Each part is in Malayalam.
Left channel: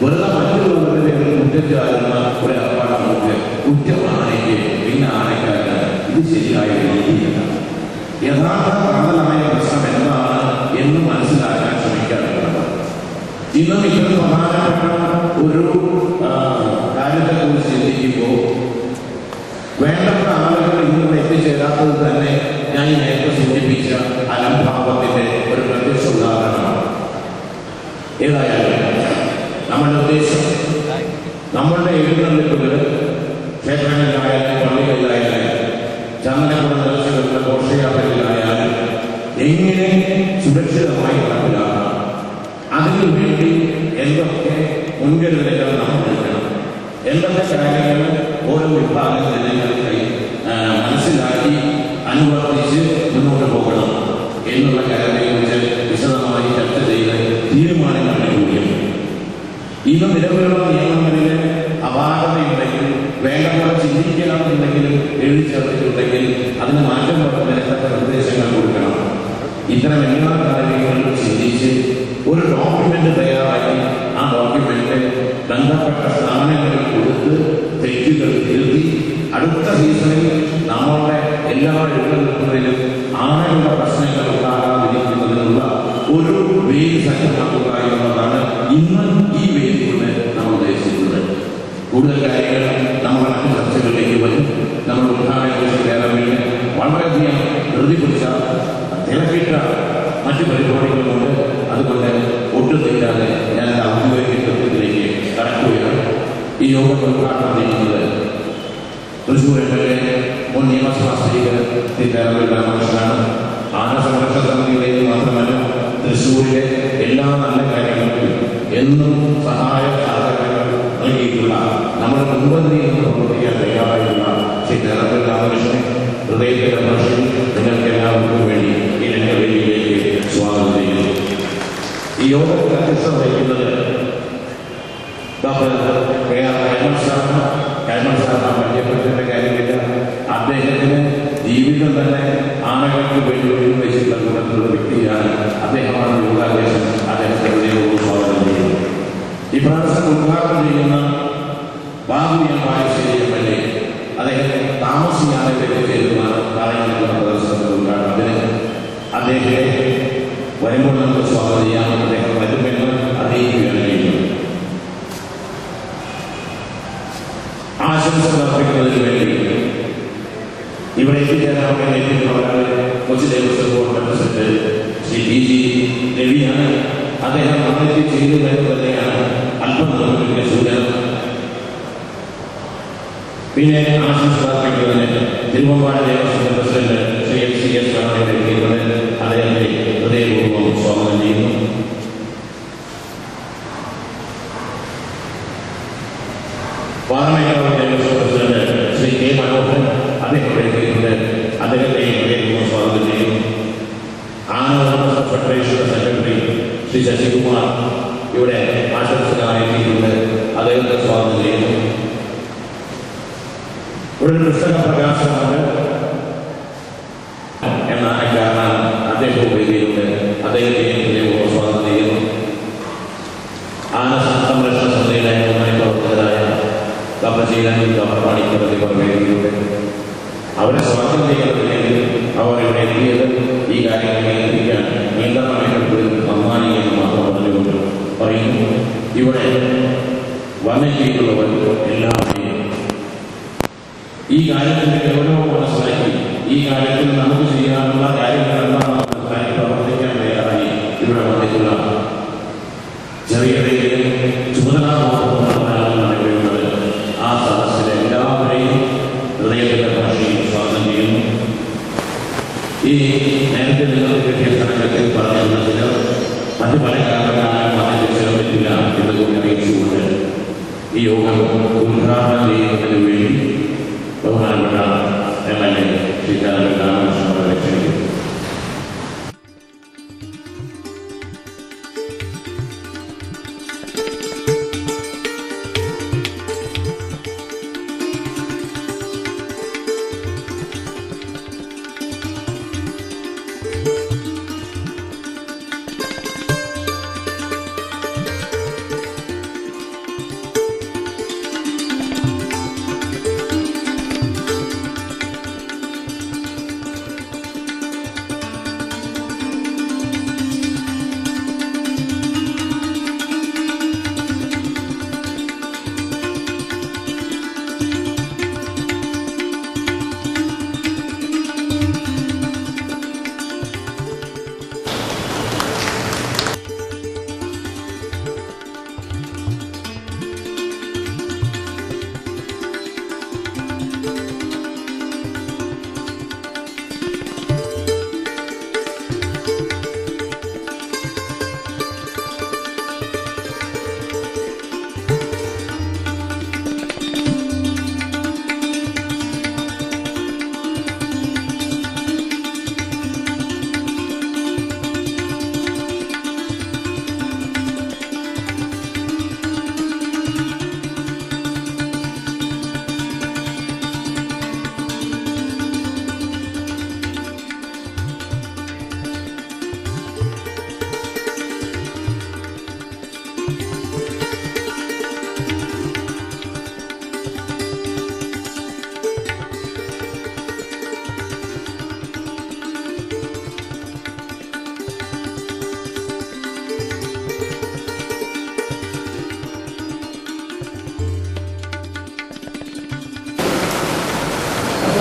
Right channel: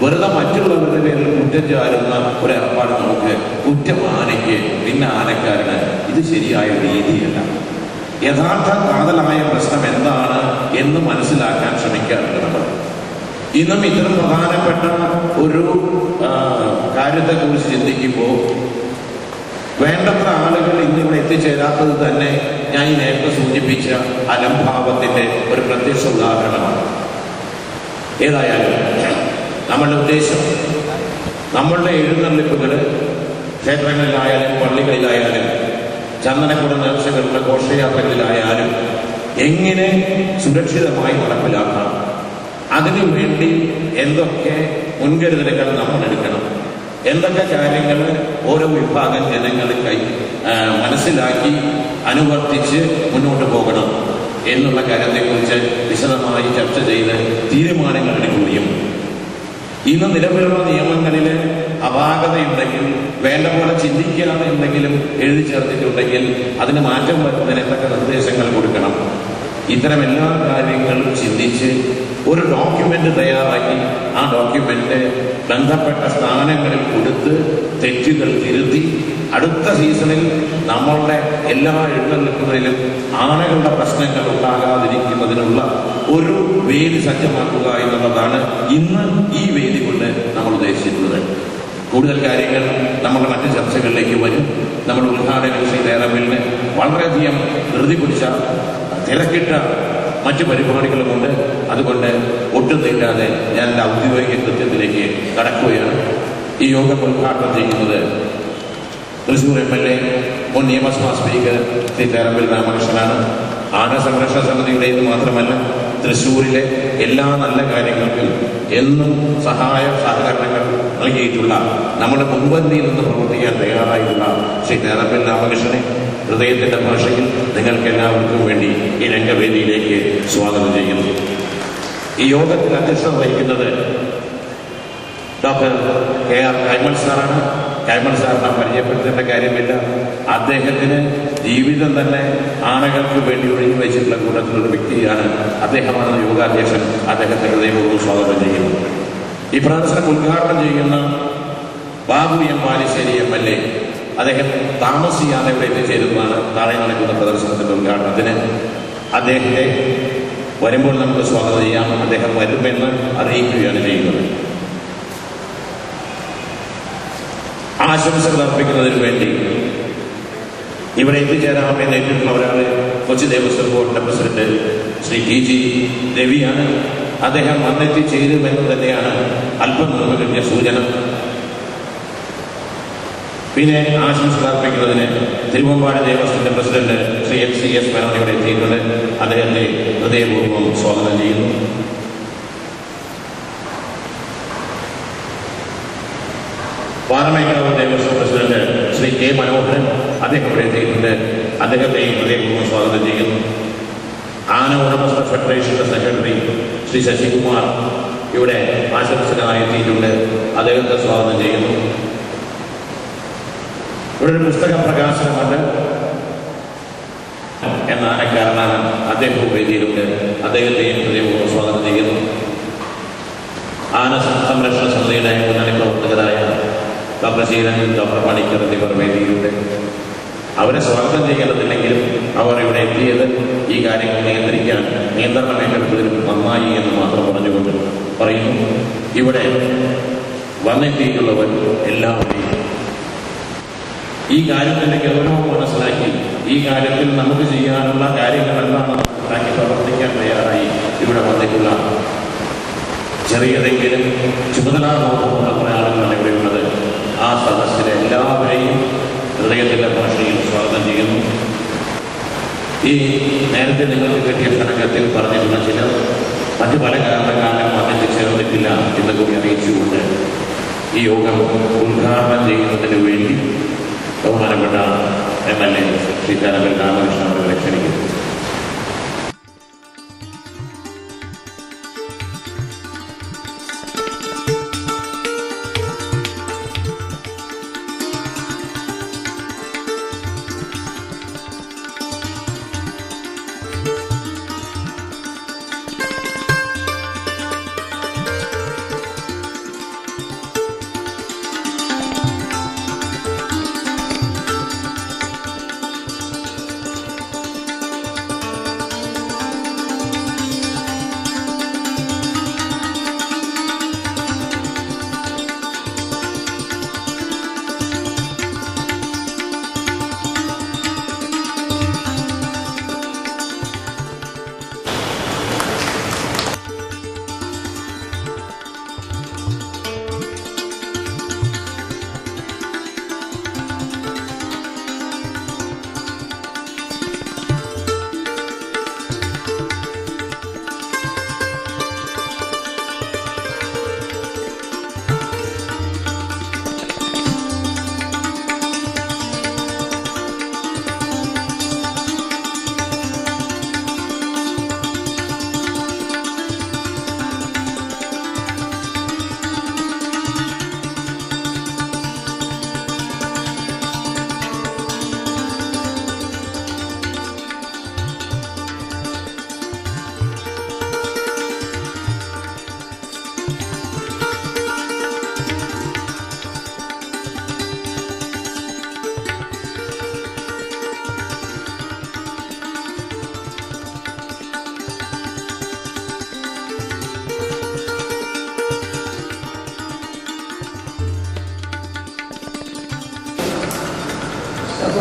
വെറുതെ മറ്റുള്ളവരുടെ പേരിൽ കുറ്റം ചാരുന്ന ഒരു ഏർപ്പാട് നമുക്ക് കുറ്റമാനയ്ക്ക് പിന്നെ ആനയ്ക്കാരന് ഇത് ശരിയായ രീതിയല്ല. യഥാർത്ഥ കാതലായ പ്രശ്നം എന്താണ് എന്ന് മനസ്സിലാക്കാൻ ശ്രമിക്കാറുണ്ട്. ഇന്നും ഇത്ര പ്രധാനപ്പെട്ട ഒരു കാര്യത്തെക്കുറിച്ച് ചിന്തിക്കുമ്പോൾ വേണ്ടത്ര ആളുകൾ ഇന്നിവിടെ എത്തിച്ചേരാത്തത് തന്നെ ഞാൻ ഈ നേരത്തെ സൂചിപ്പിച്ച അലംഭാവത്തിന്റെ ഒരു പ്രത്യക്ഷ ഉദാഹരണമാണ്. ഏതായാലും നമ്മളുടെ ഉദ്ദേശം നമ്മളുടെ എഴുന്നള്ളിപ്പുകൾ ക്ഷേത്രങ്ങളിലായാലും പള്ളികളിലായാലും ചന്ദനക്കുട നേർച്ചകളുടെ ഘോഷയാത്രകളിലായാലും എങ്ങനെ സുരക്ഷിതമായി നടപ്പിലാക്കാം, അതിനു വേണ്ടി എന്തൊക്കെ മുൻകരുതലുകൾ നമ്മൾ എടുക്കണം, എന്തൊക്കെ കാര്യങ്ങൾ ഓരോ വിഭാഗം ജനങ്ങൾക്കായി മനസ്സിലാക്കി അനുവർത്തിച്ച് മുന്നോട്ട് പോകണം എന്നുള്ള കാര്യത്തെക്കുറിച്ച് വിശദമായി ചർച്ച ചെയ്ത് തീരുമാനങ്ങൾ എടുക്കുകയും ഇന്ന് നിലവിലുള്ള നിയമങ്ങളിൽ അപാകതയുണ്ടെങ്കിൽ വേണ്ട പോലെ ചിന്തിക്കണം എന്തെങ്കിലും എഴുതി ചേർത്തിട്ടുണ്ടെങ്കിൽ അതിന് മാറ്റം വരുന്നതിന് എന്തൊക്കെ നിർദ്ദേശങ്ങൾ കൊടുക്കണം, ഇത്തരം എല്ലാ കാര്യങ്ങളും ചിന്തിച്ച് ഒരു ഡോക്യുമെന്റ് തയ്യാറാക്കി ആ ഡോക്യുമെന്റ് ബന്ധപ്പെട്ട സ്ഥാനങ്ങളിൽ കൊടുത്ത് തെറ്റുകൾ തിരുത്തി അടുത്ത സീസണിൽ നമ്മളുടെ എല്ലാ എഴുന്നള്ളിപ്പുകളിലും ആനകളുടെ പ്രശ്നങ്ങൾ ഉണ്ടാകാതിരിക്കുന്നതിനുള്ള ഒരു വേദി സജ്ജമാക്കുക എന്നുള്ളതാണ് ഇന്ന് ഈ വേദി കൊണ്ട് നമ്മൾ ഉദ്ദേശിക്കുന്നത്. കൂടുതൽ കാര്യങ്ങൾ നമ്മുടെ മറ്റ് ചർച്ചകളിലേക്ക് വരും. നമ്മുടെ ഉദ്ഘാടന നേരമില്ല വളരെയധികം ധൃതി പിടിച്ച തിരക്കിട്ട മറ്റ് പരിപാടികളുമുണ്ട്. അതുകൊണ്ട് ഒട്ടും തെറ്റാതെ ഞാൻ എൻ്റെ ഔദ്യോഗിക കൃത്യത്തിലേക്ക് കടക്കുകയാണ്. ഈ യോഗം ഉദ്ഘാടനം ചെയ്യുന്നത് തൃശ്ശൂർ MLA മുൻ നിയമസഭാ സ്പീക്കർ ശ്രീ തേരമ്പിൽ രാമകൃഷ്ണനാണ്. ആന സംരക്ഷണ സമിതിയുടേത് മാത്രമല്ല തൃശ്ശൂരിലെ എല്ലാ നല്ല കാര്യങ്ങൾക്കും എന്നും സഹായ സഹകരണങ്ങൾ നൽകിയിട്ടുള്ള നമ്മുടെ മുൻപന്തിയിൽ നിന്ന് പ്രവർത്തിക്കാൻ തയ്യാറായിട്ടുള്ള ശ്രീ തേരമ്പിൽ രാമകൃഷ്ണനെ ഹൃദയത്തിൻ്റെ ഭാഷയിൽ നിങ്ങൾക്ക് എല്ലാവർക്കും വേണ്ടി ഈ രംഗവേദിയിലേക്ക് സ്വാഗതം ചെയ്യുന്നു. ഈ യോഗത്തിൽ അധ്യക്ഷത വഹിക്കുന്നത് ഡോക്ടർ KR കൈമൾ സാറാണ്. കൈമൾ സാർ നാം പരിചയപ്പെടുത്തേണ്ട കാര്യമില്ല. അദ്ദേഹത്തിന് ജീവിതം തന്നെ ആനകൾക്ക് വേണ്ടി ഒഴിഞ്ഞു വെച്ചിട്ടുള്ള കൂട്ടത്തിലുള്ള വ്യക്തിയാണ്. അദ്ദേഹമാണ് യോഗാധ്യക്ഷൻ. അദ്ദേഹത്തെ ഹൃദയപൂർവ്വം സ്വാഗതം ചെയ്യുന്നു. ഈ പ്രദർശനം ഉദ്ഘാടനം ചെയ്യുന്ന ബാബു M. ബാലുശ്ശേരി MLA അദ്ദേഹം താമസിയാതെ ഇവിടെ എത്തിച്ചേരുന്നതാണ്. നാളെ നടക്കുന്ന പ്രദർശനത്തിന്റെ ഉദ്ഘാടനത്തിന് അദ്ദേഹത്തെ വരുമ്പോൾ നമുക്ക് സ്വാഗതം ചെയ്യാം. അദ്ദേഹം വരുമെന്ന് അറിയിക്കുകയാണ് ചെയ്യുന്നത്. ആശംസകൾ അർപ്പിക്കുന്നതിന് വേണ്ടി ഇവിടെ എത്തിച്ചേരാമെന്ന് എത്തിക്കുന്നവരാണ് കൊച്ചി ദേവസ്വം ബോർഡിന്റെ പ്രസിഡന്റ് ശ്രീ TG രവിയാണ്. അദ്ദേഹം വന്നെത്തി ചേരുമെന്ന് തന്നെയാണ് അല്പം നമുക്ക് സൂചന. പിന്നെ ആശംസകൾ അർപ്പിക്കുന്നതിന് തിരുവമ്പാടി ദേവസ്വത്തിന്റെ പ്രസിഡന്റ് ശ്രീ FCS ഇവിടെ എത്തിയിട്ടുണ്ട്. അദ്ദേഹത്തെ ഹൃദയപൂർവ്വം സ്വാഗതം ചെയ്യുന്നു. Varanasi Devaswom president Shri K. മനോഹരൻ അദ്ദേഹം ഇവിടെ എത്തിയിട്ടുണ്ട്. അദ്ദേഹത്തെയും ഹൃദയപൂർവ്വം സ്വാഗതം ചെയ്യുന്നു. ആന ഉടമസ്ഥ ഫെഡറേഷന്റെ സെക്രട്ടറി ശ്രീ ശശികുമാർ ഇവിടെ ആശംസനായി എത്തിയിട്ടുണ്ട്. അദ്ദേഹത്തെ സ്വാഗതം ചെയ്യുന്നു. ഇവിടെ ഒരു പുസ്തക പ്രകാശനമുണ്ട് എന്ന ആനക്കാരനാണ്. അദ്ദേഹം വേദിയിലുണ്ട്. അദ്ദേഹത്തെയും ഹൃദയപൂർവ്വം സ്വാഗതം ചെയ്യുന്നു. ആന സംരക്ഷണ സമിതിയുടെ മുന്നണി പ്രവർത്തകരായ ഡോക്ടർ ശീലൻ, ഡോക്ടർ പണിക്കർ എന്നിവർ വേദിയിലുണ്ട്. അവരെ സ്വാഗതം ചെയ്യുന്നില്ലെങ്കിലും അവർ ഇവിടെ എത്തിയത് ഈ കാര്യങ്ങൾ നിയന്ത്രിക്കാൻ നിയന്ത്രണം ഏറ്റെടുത്തതിൽ നന്നായി എന്ന് മാത്രം പറഞ്ഞുകൊണ്ട് പറയുന്നു. ഇവിടെ വന്നെത്തിയിട്ടുള്ളവർ എല്ലാവരെയും ഈ കാര്യത്തിൻ്റെ ഗൗരവം മനസ്സിലാക്കി ഈ കാര്യത്തിൽ നമുക്ക് ചെയ്യാനുള്ള കാര്യങ്ങൾ എന്താണെന്ന് മനസ്സിലാക്കി പ്രവർത്തിക്കാൻ തയ്യാറായി ഇവിടെ വന്നിട്ടുള്ള ചെറിയതെങ്കിലും ചുമതലാബോധമുള്ളവരാണെന്നാണ് ഇവിടെയുള്ളത്. ആ സദസ്സിലെ എല്ലാവരെയും ഹൃദയത്തിൻ്റെ ഭാഷയിൽ സ്വാഗതം ചെയ്യുന്നു. ഈ നേരത്തെ നിങ്ങൾക്ക് കിട്ടിയ ഘടകത്തിൽ പറഞ്ഞിരുന്ന ചിലർ മറ്റു പല കാരണങ്ങളാലും വന്നിട്ട് ചേർന്നിട്ടില്ല എന്ന് കൂടി അറിയിച്ചുകൊണ്ട് ഈ യോഗം ഉദ്ഘാടനം ചെയ്യുന്നതിന് വേണ്ടി ബഹുമാനപ്പെട്ട MLA ശ്രീ തേരമ്പിൽ രാമകൃഷ്ണൻ അവരെ ക്ഷണിക്കുന്നു.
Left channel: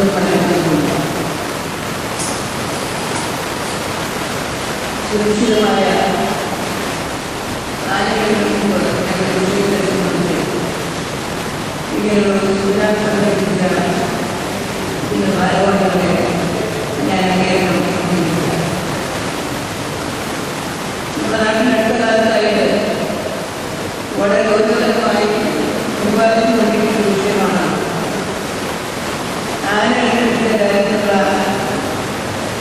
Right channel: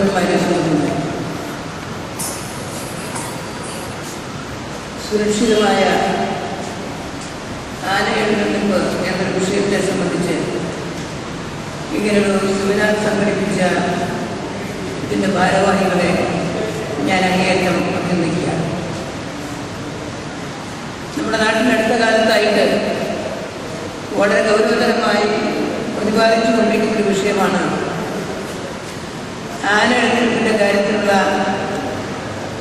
ഒരു പരിഗണനയുണ്ട്. സുരക്ഷിതമായ ആനയെടുക്കുന്ന ഞങ്ങളുടെ വിഷയത്തെ സംബന്ധിച്ച് ഇങ്ങനെയുള്ള സുവിധാൻ സംഘടിപ്പിച്ച ഇതിൻ്റെ ഭാരവാഹികളെ ഞാൻ അങ്ങേയറ്റം അഭിനന്ദിക്കാം. നമ്മുടെ നാട്ടിൽ അടുത്ത കാലത്തായിട്ട് വളരെ ഗൗരവതരമായി പ്രതിപാദിച്ചു കൊണ്ടിരിക്കുന്ന വിഷയമാണ് ആന എഴുന്നേറ്റിൻ്റെ കാര്യത്തിലുള്ള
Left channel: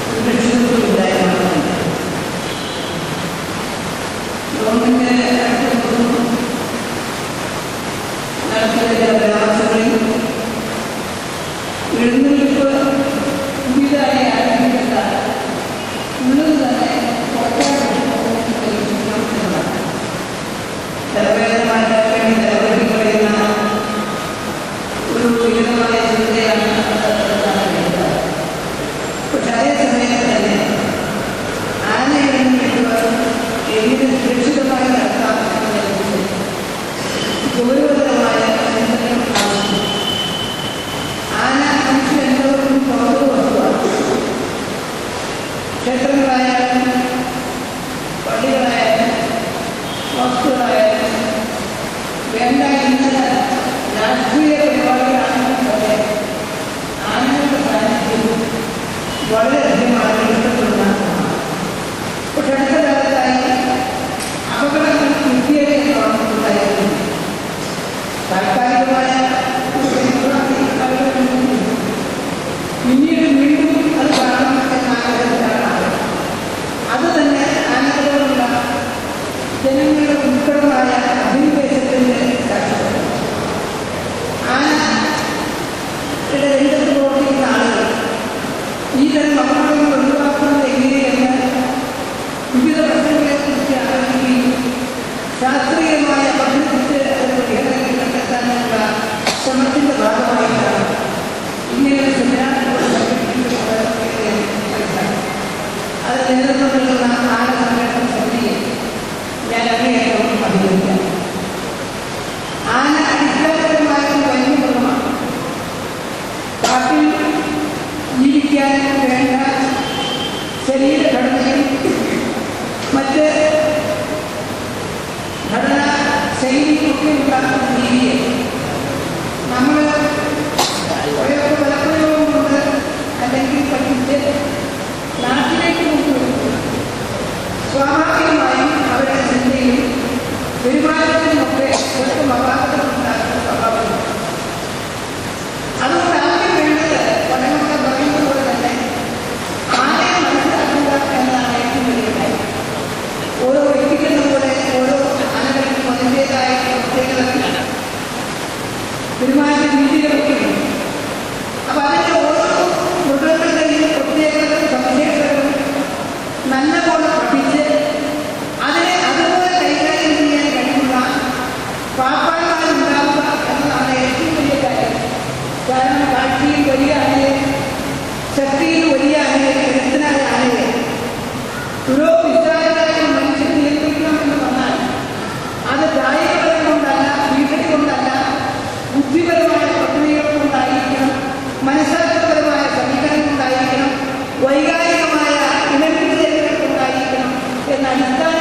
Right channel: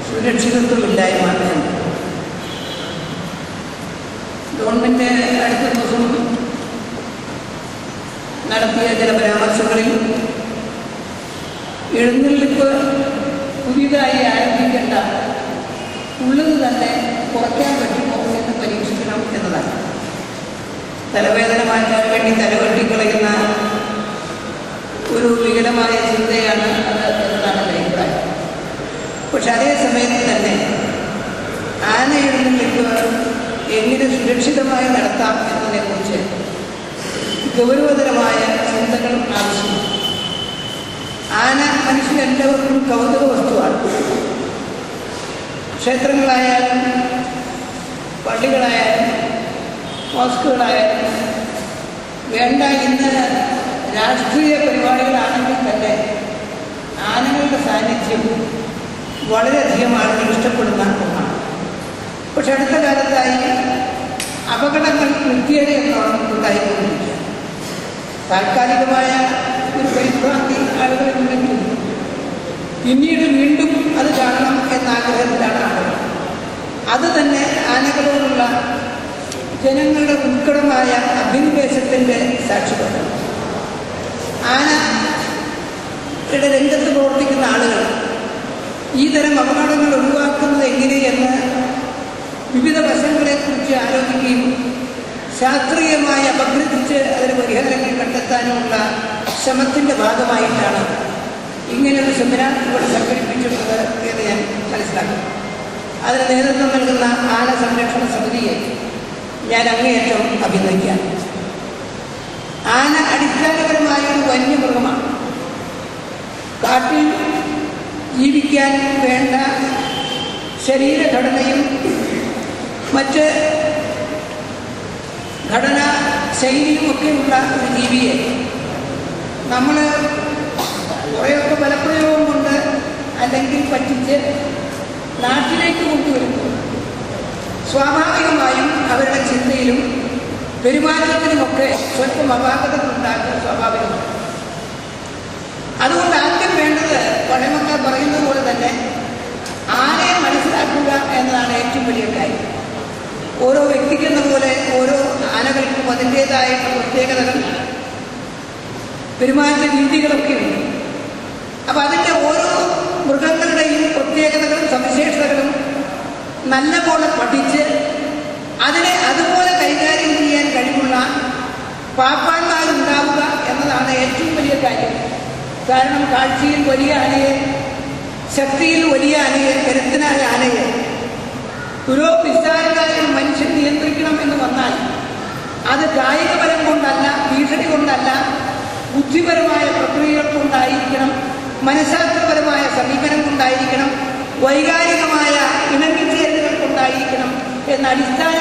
സുരക്ഷിതത്വമില്ലായ്മ. ഗവൺമെൻറ് അടുത്ത ദിവസം നടത്തിയ ചില പരാമർശങ്ങളിൽ എഴുന്നള്ളിപ്പ് പുതിയതായി ആരംഭിക്കേണ്ട ഉള്ളത് തന്നെ കുറയ്ക്കാൻ വേണ്ടി പരീക്ഷിക്കണം എന്നതാണ്. തലവേദന മാറ്റാൻ വേണ്ടി തലവെട്ടിക്കളയുന്ന ഒരു വികലമായ ചിന്തയാണ് അതാണ് വേണ്ടത്. പക്ഷെ അതേ സമയത്ത് തന്നെ ആന എഴുന്നള്ളിപ്പ് എങ്ങനെ സുരക്ഷിതമായി നടത്താം എന്നതിനെക്കുറിച്ച് ഗൗരവതരമായ ചിന്തകൾ ആവശ്യമാണ്. ആന മനുഷ്യരെല്ലാവർക്കും കൗതുക വസ്തുവാണ്. ക്ഷേത്രങ്ങളായാലും പള്ളികളായാലും മോസ്കുകളായാലും വേണ്ട ഇന്ന് രാഷ്ട്രീയ പരിപാടികളാണെങ്കിൽ തന്നെ ആനകളുടെ സാന്നിധ്യം വളരെയധികം ആളുകൾ ഇഷ്ടപ്പെടുന്ന ഒന്നാണ്. പക്ഷെ അടുത്ത കാലത്തായി അപകടങ്ങൾ കുത്തിയേറിയെന്നാണ് ഉണ്ടായിരിക്കുന്നത്. താൽക്കാലികമായ ഒരു പരിഭ്രാന്തി ആളുകളുണ്ടെങ്കിൽ പിന്നീട് വീണ്ടും അത് കാണണം എന്നാഗ്രഹത്തിലാണ്. അത് തന്നെ ആനകളോടുള്ള ജനങ്ങളുടെ ഉത്കടമായ അഭിനിവേശത്തിൻ്റെ സാക്ഷ്യമാണ്. ആനയുടെ രംഗത്ത് പ്രവർത്തിക്കുന്ന ആളുകൾ ഈ തരം അപകടങ്ങൾ ഒഴിവാക്കുന്നത് എങ്ങനെയെന്ന് വിവിധ വശങ്ങളെക്കുറിച്ച് ആലോചിക്കുകയും ശാസ്ത്രീയമായി അപഗ്രഥിച്ച് അതിന് പരിഹാരങ്ങൾ കണ്ടെത്താനുള്ള ശ്രമത്തിൻ്റെ ഭാഗമായിട്ടാണ് ഇങ്ങനെയൊരു സെമിനാർ കൂടെ സംഘടിപ്പിച്ചിട്ടുള്ളത് എന്ന് ഞാൻ മനസ്സിലാക്കി. അതിന് നേതൃത്വം നൽകുന്ന ആന സംരക്ഷണ സമിതിയെ ഞാൻ അങ്ങേയറ്റം അഭിനന്ദിക്കാം. ആന അടിസ്ഥാനപരമായ ഒരു വന്യമൃഗമാണ്. കാട്ടിൽ ജീവിക്കാൻ വേണ്ട ശരീരഘടനയും മറ്റ് ഘടനാ ശൈലിയുമൊക്കെയുള്ള ഒരു ജീവിയെ നമ്മൾ കുറേയൊക്കെ ബലപ്രയോഗം കൊണ്ട് അല്ലെങ്കിൽ പറ്റിച്ച് നാട്ടിലേക്ക് കൊണ്ടുവരുമ്പോൾ സ്വാഭാവികമായും അവരുടെ ചിന്തയിലും പെരുമാറ്റത്തിനുമൊക്കെ സ്വല്പം അപാകതകളുണ്ടാക്കുന്ന സ്വാഭാവികമാണ്. അതുകൊണ്ട് ആദ്യം വേണ്ടത് പഠനങ്ങൾ പറയുന്നത് പോലെ തന്നെ ആനയെ മനസ്സിലാക്കുക എന്നതാണ് ഏറ്റവും വലിയ കാര്യം. ഓരോ വ്യക്തിക്കെന്ന പോലെ ഓരോ ആനകൾക്കും അതിൻ്റേതായ പ്രത്യേകതകളാണ്, പെരുമാറ്റ രീതികളൊക്കെ ഉണ്ട്. അപ്പം അതിൻ്റെ ഓരോ മൃഗങ്ങളുടെയും പ്രത്യേകതകളും സവിശേഷതകളും നല്ലപോലെ പഠിച്ച് അതിനെ അതുപോലെ കൈകാര്യം ചെയ്യാൻ കഴിവുള്ള പാപ്പാന്മാരുണ്ടാവുക എന്നതാണ് ഏറ്റവും വലിയ കാര്യം. കാരണം കാഴ്ചയിൽ വലിയ ആനയെ, ശക്തിയിൽ വലിയ ആനയെ, കരുത്തനായ ആനയെ പുരോഗതിസ്ഥാനായ മനുഷ്യൻ നിയന്ത്രിക്കണം എന്ന് വന്നാൽ അത് കായികപരം കൊണ്ടല്ല, ഭീഷണി കൊണ്ടല്ല, ബുദ്ധിപരമായ പ്രക്രിയകൾ കൊണ്ടായിരിക്കണം, മനഃശാസ്ത്രപരമായ സമീപനം കൊണ്ടായിരിക്കണം, വൈകാരികമായ ഇണങ്ങിച്ചേരുകൾ കൊണ്ടായിരിക്കണം എന്ന അടിസ്ഥാന